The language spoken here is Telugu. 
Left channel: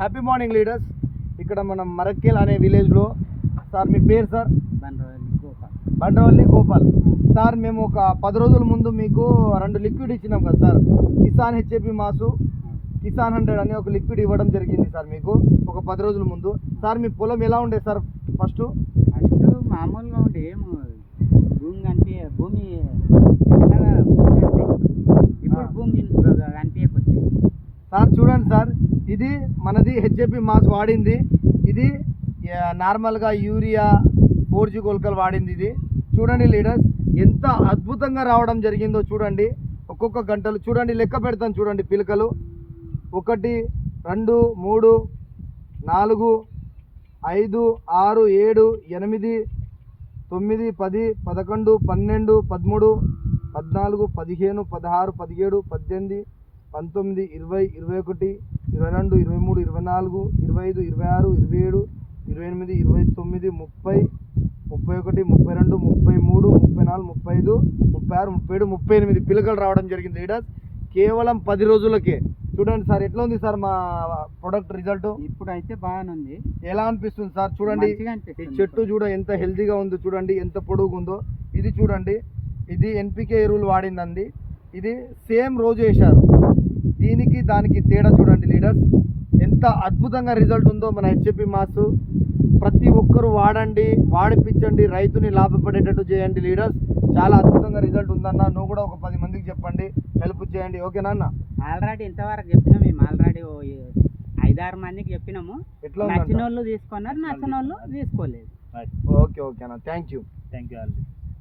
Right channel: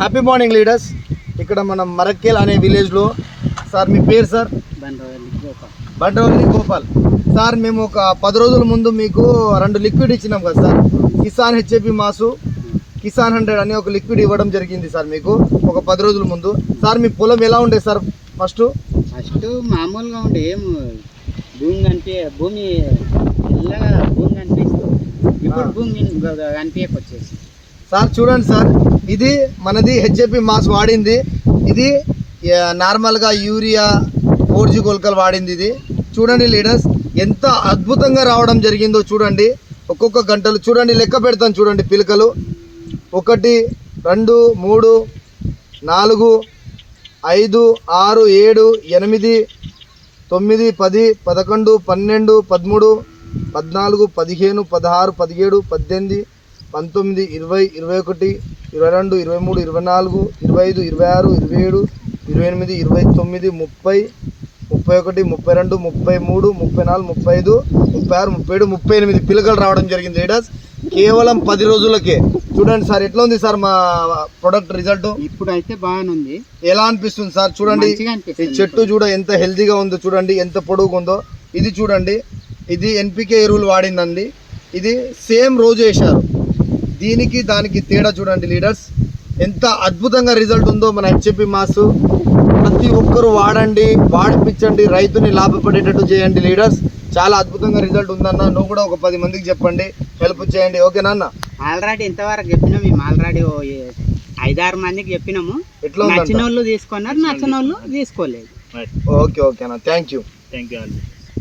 హ్యాపీ మార్నింగ్ లీడర్స్ ఇక్కడ మనం మరక్కేల్ అనే విలేజ్లో సార్ మీ పేరు సార్? బండ్రవల్లి గోపాల్. సార్ మేము ఒక పది రోజుల ముందు మీకు రెండు లిక్విడ్ ఇచ్చినాం కదా సార్. కిసాన్ హెచ్ఏపి మాసు కిసాన్ హండ్రెడ్ అని ఒక లిక్విడ్ ఇవ్వడం జరిగింది సార్ మీకు ఒక పది రోజుల ముందు. సార్ మీ పొలం ఎలా ఉండే సార్ ఫస్ట్ ఫస్ట్ మామూలుగా ఉండే ఏం భూమి కనిపి భూమి ఇలాగా భూమి కనిపిస్తుంది. ఇప్పుడు. భూమి కనిపించకొచ్చేసి సార్ చూడండి సార్. ఇది మనది హెచ్ఏపి మాస్ వాడింది. ఇది నార్మల్గా యూరియా ఫోర్ జీ కొలకలు వాడింది ఇది. చూడండి లీడర్స్ ఎంత అద్భుతంగా రావడం జరిగిందో చూడండి. ఒక్కొక్క గంటలు చూడండి లెక్క పెడతాను చూడండి పిలకలు. ఒకటి రెండు మూడు నాలుగు ఐదు ఆరు ఏడు ఎనిమిది తొమ్మిది పది పదకొండు పన్నెండు పదమూడు పద్నాలుగు పదిహేను పదహారు పదిహేడు పద్దెనిమిది పంతొమ్మిది ఇరవై ఇరవై ఒకటి ఇరవై రెండు ఇరవై మూడు ఇరవై నాలుగు ఇరవై ఐదు ఇరవై ఆరు ఇరవై ఏడు ఇరవై ఎనిమిది ఇరవై తొమ్మిది ముప్పై ముప్పై ఒకటి ముప్పై రెండు ముప్పై మూడు ముప్పై నాలుగు ముప్పై ఐదు ముప్పై ఆరు ముప్పై ఏడు ముప్పై ఎనిమిది పిల్లకలు రావడం జరిగింది లీడర్స్ కేవలం పది రోజులకే. చూడండి సార్ ఎట్లా ఉంది సార్ మా ప్రొడక్ట్ రిజల్ట్ ఇప్పుడు అయితే బాగానుంది. ఎలా అనిపిస్తుంది సార్? చూడండి. ఈ చెట్టు చూడ ఎంత హెల్తీగా ఉందో చూడండి ఎంత పొడుగు ఉందో ఇది చూడండి. ఇది ఎన్పికే ఎరువులు వాడిందండి. ఇది సేమ్ రోజు వేశారు. దీనికి దానికి తేడా చూడండి లీడర్స్. ఎంత అద్భుతంగా రిజల్ట్ ఉందో మన హెచ్ఎపి మాస్. ప్రతి ఒక్కరు వాడండి వాడిపించండి రైతుని లాభపడేటట్టు చేయండి లీడర్స్. చాలా అద్భుతంగా రిజల్ట్ ఉందన్న నువ్వు కూడా ఒక పది మందికి చెప్పండి హెల్ప్ చేయండి. ఓకేనా అన్న ఆల్రెడీ ఇంతవరకు చెప్పినాం మేము ఆల్రెడీ ఐదారు మందికి చెప్పినాము. ఎట్లా నచ్చిన వాళ్ళు తీసుకున్నారు నచ్చిన వాళ్ళు తీసుకోలేదు. ఓకే ఓకే అన్న. Thank you. Thank you